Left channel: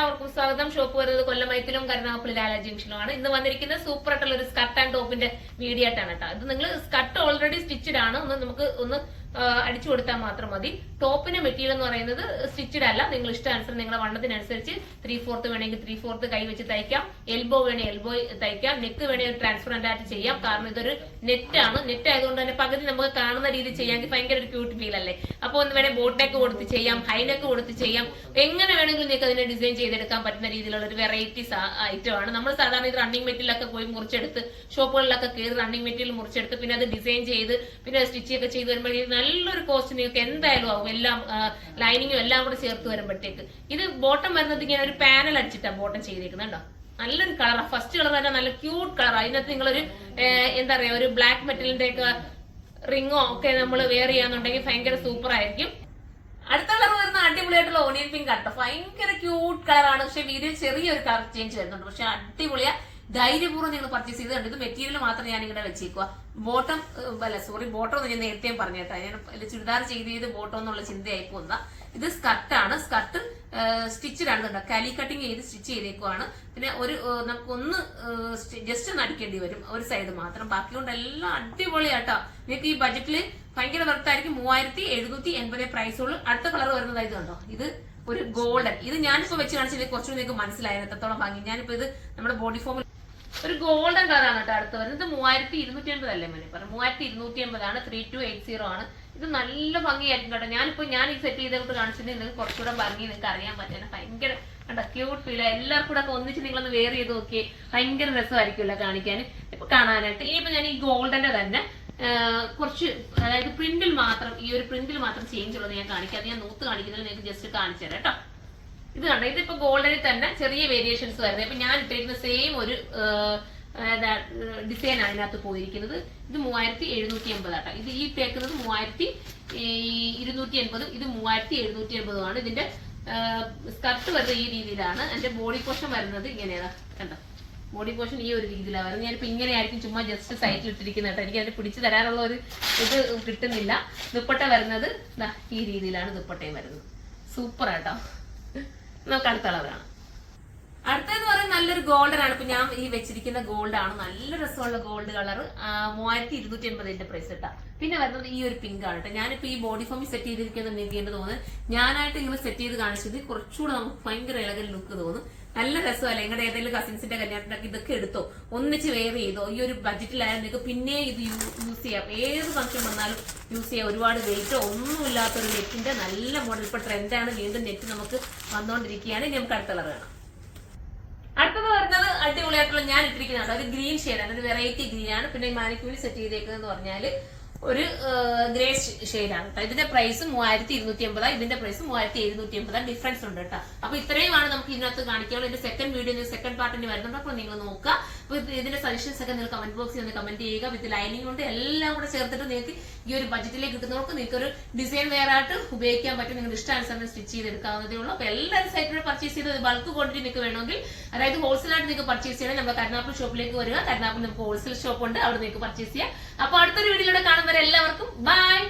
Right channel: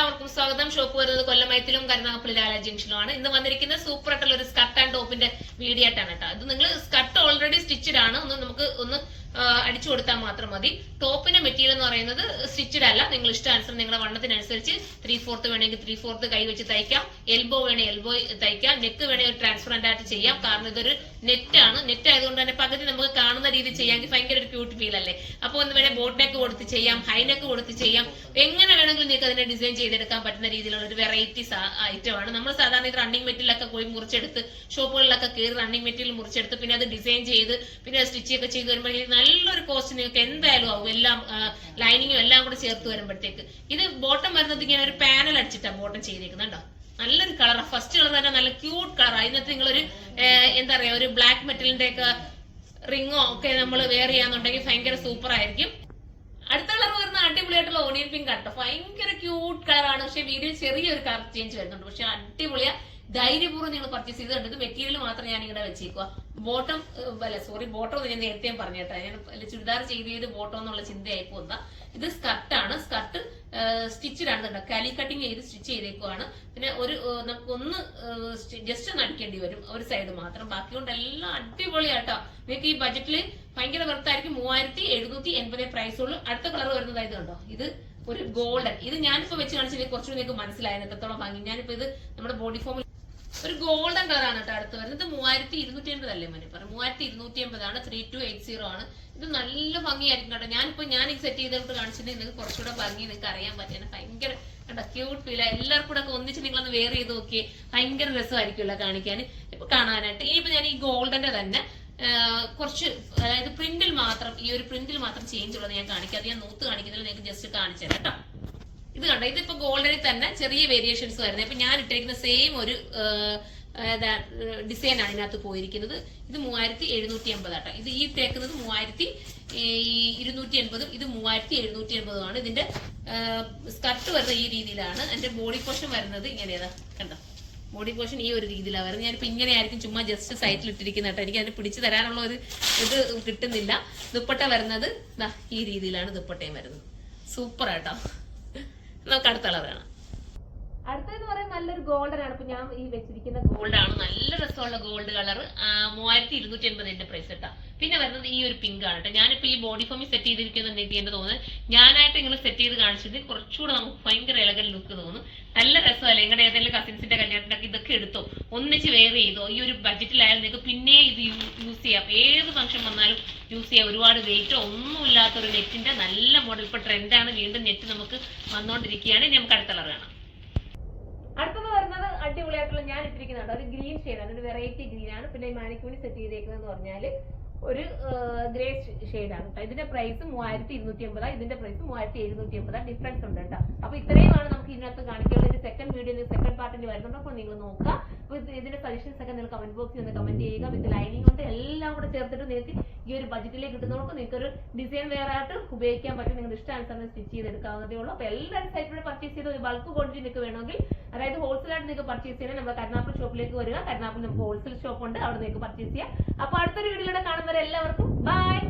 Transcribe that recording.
എല്ലാവർക്കും സ്വാഗതം. ഷോപ്പ് വരുന്നത് കൊല്ലമൈത്തിലും കരുനാഗപ്പള്ളി ലാല ജംഗ്ഷനിലുമാണ്. ഇന്ന് വന്നിരിക്കുന്നത് സൂപ്പർ ആയിട്ടുള്ള ഒരു സ്കർട്ട് ആൻഡ് ടോപ്പിന്റെ വീഡിയോ ആയിട്ടാണ് കേട്ടോ. ഇത് നിങ്ങൾ സ്കർട്ട് ഓൾറെഡി സ്റ്റിച്ചഡ് ആണ്, നമുക്ക് അടിച്ചു കൊടുത്താൽ മാത്രം മതി. ടോപ്പിന്റെ മെറ്റീരിയൽ എന്ന് പറയുന്നത് സ്റ്റിച്ചഡ് അല്ല, നിങ്ങൾ ഇഷ്ടാനുസരണം നിങ്ങളുടെ വണ്ണത്തിനനുസരിച്ച് 3/4 വേണമെങ്കിൽ 3/4 കൈ വെച്ച് തയ്ക്കാം, എൽബോ വേണേ എൽബോ തയ്ക്കാം, നെക്ക് വേണേ ഒരു ട്രാൻസ്പെറന്റ് ആയിട്ട് ചെയ്യാം. കാരണം ഇതൊരു നെറ്റാണ്, നെറ്റ് ആയതുകൊണ്ട് തന്നെ പകുതി നമുക്ക് കാണുന്ന രീതി ചെയ്യാമെങ്കിൽ ഭയങ്കര ഒരു ക്യൂട്ട് ഫീൽ അല്ലേ. അപ്പൊ ഒന്ന് വേണേ ബോട്ട് നെക്ക് കൊടുത്ത് ചെയ്യാം, ഹൈ നെക്ക് കൊടുത്ത് ചെയ്യാം, എങ്ങനെ വേണമെങ്കിലും നിങ്ങൾക്ക് അതിനെ ഡിസൈൻ ചെയ്തെടുക്കാൻ പറ്റുന്ന രീതിയിലുള്ള ഒരു വെറൈറ്റി ഐറ്റം ആണ്. നമ്മൾ സാധാരണ ഇത് റണ്ണിങ് മെറ്റീരിയലൊക്കെ പോയി മുറിച്ചെടുത്ത് ഷോപ്പുകളിലൊക്കെ കയറി റണ്ണിങ് മെറ്റീരിയൽ മുറിച്ചെടുത്ത് പിന്നെ അത് ഡിസൈൻ ചെയ്ത് പിന്നെ സ്റ്റിച്ച് ഒക്കെ ചെയ്ത് വരുമ്പോഴേക്കും നല്ലൊരു കോസ്റ്റ് നിങ്ങൾക്ക് എന്തായാലും ആവും. എല്ലാം ലൈനിങ്ങും എല്ലാം കൂടെ ചേർത്ത് വരുമ്പോഴത്തേക്ക് ഇത് ബോട്ടം വരുന്നത് ഇങ്ങനെ ഒരു പാനൽ അടിച്ചിട്ടാണ് ബോട്ടം ചെയ്തേക്കുന്നുണ്ടോ. നല്ലൊരു കളറാണ്, ഫസ്റ്റ് കളർ തന്നെ നല്ല ക്യൂട്ട് കളറാണ്. അതിനകത്ത് നിങ്ങളൊരു എന്താ പറയാ ഒരു ബ്ലാക്ക് മെറ്റലിന്റെ ഒക്കെ റിങ്ങോ ഒക്കെ നമ്മൾ വെയർ ചെയ്യാന്നുണ്ടെങ്കിൽ ഭയങ്കര സൂപ്പർ ആയിരിക്കും. അടുത്ത കളർ വരുന്ന അടിപൊളിയായിട്ടുള്ള ഓണിയൻ പിങ്ക് ആട്ടോ, ഭയങ്കര ക്യൂട്ട് കളറാണ്. പക്ഷെ വീഡിയോ ചെറിയൊരു കളർ ചേഞ്ച് വരുന്നുണ്ട്, പക്ഷെ അടിപൊളിയാ. ധൈര്യപൂർവ്വം നിങ്ങൾ പർച്ചേസ് ചെയ്ത് കണ്ടത് മെറ്റീരിയൽ മാത്രം ഞാൻ ഇങ്ങനെ വെച്ചേക്കുക. ബോട്ടം ബോട്ടം ഞാൻ നേരത്തെ പറഞ്ഞു കേട്ടോ, ഞാൻ ചുരിദാർ ചെയ്ത് ബോട്ടം എന്നുള്ള ചിന്തയായി പോകുന്ന. ഇത് സ്കർട്ടാണ്, സ്കർട്ട് സ്റ്റിച്ചഡ് ആണ് കേട്ടോ, കാലി കട്ടിങ് ചെയ്ത് സ്റ്റിച്ച് ചെയ്തേക്കുവാണ്. പിന്നെ നമുക്കൊന്ന് ജസ്റ്റ് ഒന്ന് അടിക്കേണ്ടി വരും ഒരു സൈഡ് മാത്രം, ബാക്കി കൊണ്ട് എല്ലാം അടിപൊളിയാട്ടോ. നിങ്ങൾക്ക് ഈ ബജറ്റില് ഭയങ്കര കറക്റ്റായിരിക്കും. 3780 പ്രൈസ് ഉള്ളൂ. അടുത്ത കളർ വരുന്നത് ഇത് കണ്ടോ, ഇത് ഒരു ഗോൾഡൻ. ഇത് ഞാനിപ്പോ വെച്ച് കാണിച്ചത് കുറച്ചുകൂടി നിങ്ങൾക്ക് മനസ്സിലായത് എത്രത്തോളം ഭംഗി. ഞാനിപ്പോ ഇത് നമ്മുടെ ബോഡി ഫോമിൽ ഒരു ഗോൾഡൻ കളറാണ് കേട്ടോ അടുത്ത് വരുന്നത്. ഇത് 3280 അല്ലേ മോനെ പറഞ്ഞു, 3280 ആണ്, 3280 ആണ്. ഇത് നല്ല ഭംഗിയായിരിക്കും കേട്ടോ. ഞാൻ ഈ സെറ്റ് ചെയ്തിട്ട് കാണിച്ചിട്ടുണ്ടെങ്കിൽ നിങ്ങൾക്ക് കുറച്ചുകൂടെ ഭംഗി നിങ്ങൾക്ക് അറിയാൻ പറ്റുന്ന ഭയങ്കര കണ്ടോ ക്യൂട്ട് ഫീൽ. എല്ലാവർക്കും കൂടെ ഒക്കെ ഒന്നിച്ച് നിങ്ങളൊന്ന് വെയർ ചെയ്ത് നോക്കിയേ, ഭയങ്കര രസമായിരിക്കുമല്ലോ കാണിക്കാൻ, ഇപ്പൊ കാണാനായിട്ട്. ഇനിയിപ്പോ ഞാൻ ഈ ഗോൾഡന്റെ തന്നെ കുറച്ച് അതായത് പ്രിന്റിൽ മാത്രം, ഈ ഒരു പ്രിന്റിൽ മാത്രം ചേഞ്ച് ഉള്ളത് ഞാൻ കാണിക്കാം. അത് ഞാൻ നൂത്ത് കാണിക്കുന്നതിൽ നിങ്ങൾക്ക് ജസ്റ്റ് കാണിച്ചു തരാം കേട്ടോ. ഇത് കണ്ടോ, ഇതിപ്പോ ഗോൾഡനിൽ തന്നെ ചെറിയ വേരിയേഷൻസ് വരുന്നത്. ഇപ്പൊ ഞാൻ ഇട്ടിരിക്കുന്ന സെയിം ഒരു ഡിസൈൻ ആണ് അതിനകത്ത് പോയിരിക്കുന്നത്. ഇത് 3780 ആട്ടോ. ഇത് ഈ തേക്കുന്നത് 3280, ഇത് 3780 ആണ്. ഇതിന്റെ സ്കർട്ട് വരുന്നത് ഈ രീതിയിലാണ്. എന്റെ ബോഡി പോർഷൻ വരുന്നത് ഇങ്ങനെയാ കണ്ടോ, ബോഡി പോർഷൻ ഈ ഒരു രീതിയിലാണ് വരുന്നത്. ഞാനിപ്പോ ഇങ്ങനെ ആയിരിക്കും ചുമ്മാ ജസ്റ്റ് സൈറ്റിൽ ഇട്ടിരിക്കുന്നത് കേട്ടോ, എനിക്ക് അതിന് പിടിച്ചു തരാനുള്ള ഒരു ഇത് കിട്ടുന്നില്ല. ദുപ്പട്ട വരുന്നത് ഈ രീതിയിലാണ് ദുപ്പട്ടയും വരുന്നത്. സൂപ്പർ ആട്ടോ. നമുക്ക് അടുത്ത കളറാണ്. അടുത്തതെന്ന് പറയുന്നത് നല്ലൊരു ഗോൾഡൻ ആണ്. ഇപ്പൊ ഞാൻ ഈ വെച്ചിരിക്കുന്ന ഗോൾഡ് ആണ്, നല്ല രസമുള്ള ഗോൾഡ് കളർ. 3280 പ്രൈസ് കേട്ടോ. പിന്നെ വരുന്നത് ഈ ഒരു പിങ്ക് ആണ് കേട്ടോ. ഞാനിപ്പോ ഈ ബോഡി ഫോമിൽ സെറ്റ് ചെയ്തിരിക്കുന്നത് എനിക്ക് എന്റെ തോന്നുന്നത് ഞാനായിട്ട് ഇങ്ങനെ സെറ്റ് ചെയ്ത് കാണിച്ചത് കുറച്ചുകൂടെ നമുക്ക് ഭയങ്കര ഇളകൽ ലുക്ക് തോന്നും. നല്ല രസമല്ലേ. നിങ്ങളുടെ ഏതെങ്കിലും കസിൻസിന്റെ കല്യാണത്തിനൊക്കെ ഇതൊക്കെ എടുത്തോ, ഒന്നിച്ച് വെയർ ചെയ്തോ. ഈ ഒരു ബഡ്ജറ്റിലായാലും നിങ്ങൾക്ക് പിന്നെ ഇത് യൂസ് ചെയ്യാം, ഏത് ഫംഗ്ഷൻ വന്നാലും യൂസ് ചെയ്യാം. ഒരുപാട് വെയിറ്റോ ഒന്നുമില്ലാത്തൊരു നെറ്റിന്റെ നല്ല മോഡൽ. ഇപ്പൊ ട്രെൻഡാണ്, വീണ്ടും നെറ്റ് നമുക്ക് വന്നോണ്ടിരിക്കുകയാണ്. ഇനി നമുക്ക് അടുത്ത കളർ കാണാം. അടുത്തത് വരുന്നത് അടിപൊളിയായിട്ടുള്ള ഞാൻ ഇട്ടിരിക്കുന്നതാണ് ഒരു ഗ്രീൻ ഷെയ്ഡാണ്, ഒരു വെറൈറ്റി ഗ്രീൻ ആണ്. പിന്നെ മാനിക്യൂരിൽ സെറ്റ് ചെയ്തേക്കുന്നത് പറഞ്ഞാല് ഒരു ഗ്രേ ഷെയ്ഡാണ് കേട്ടോ. ഇതിന്റെ പ്രൈസ് 3280, ഇതിന്റെ പ്രൈസ് 3780. ഡിഫറൻസ് ഉണ്ട് കേട്ടോ. അപ്പൊ ഇത്രയുമാണ് നമുക്ക് ഇതിനകത്ത് കാണിക്കാനുള്ള. ഇതിന്റെ സെക്കൻഡ് വീഡിയോ സെക്കൻഡ് പാർട്ടിന് വരുന്നുണ്ട്, അപ്പോൾ നിങ്ങൾ നോക്കുക. അപ്പൊ ഇതിന്റെ സജഷൻസ് ഒക്കെ നിങ്ങൾ കമന്റ് ബോക്സിൽ ഒന്ന് കമന്റ് ചെയ്യുക. വിത്ത് ലൈനിങ് കൊണ്ട് എല്ലാം കൂടെ ചേർത്തിട്ട് നിങ്ങൾക്ക് ഈ ഒരു ബഡ്ജറ്റിലേക്ക് കിട്ടുന്നവർക്ക് നിങ്ങൾക്ക് ഒരു ഡിസൈൻ വെയർ ആയിട്ട് ഉപയോഗിക്കാൻ പറ്റും. നിങ്ങളുടെ ഇഷ്ടാനുസരണം സ്റ്റിച്ച് ചെയ്തെടുക്കാവുന്നതേ ഉള്ളൂ. അപ്പൊ എല്ലാവരും സൈറ്റിലൂടെ പർച്ചേസ് ചെയ്ത് ബൾക്ക് ക്വാണ്ടിറ്റി നിങ്ങൾക്ക് വേണമെങ്കിൽ, അതായത് ഹോൾസെയിൽ ആയിട്ട് നിങ്ങൾക്ക് പർച്ചേസ് ചെയ്യണം. നമ്മുടെ കരുനാഗപ്പള്ളി ഷോപ്പിലേക്ക് വരിക. കരുനാഗപ്പള്ളി നമുക്ക് ഹോൾസെയിൽ ഷോപ്പ് ഉണ്ട്, അവിടെ നിങ്ങൾക്ക് പർച്ചേസ് ചെയ്യാം. അപ്പൊ അടുത്തൊരു വീഡിയോയിലൂടെ കാണുന്നവരെ എല്ലാവർക്കും ബൈ.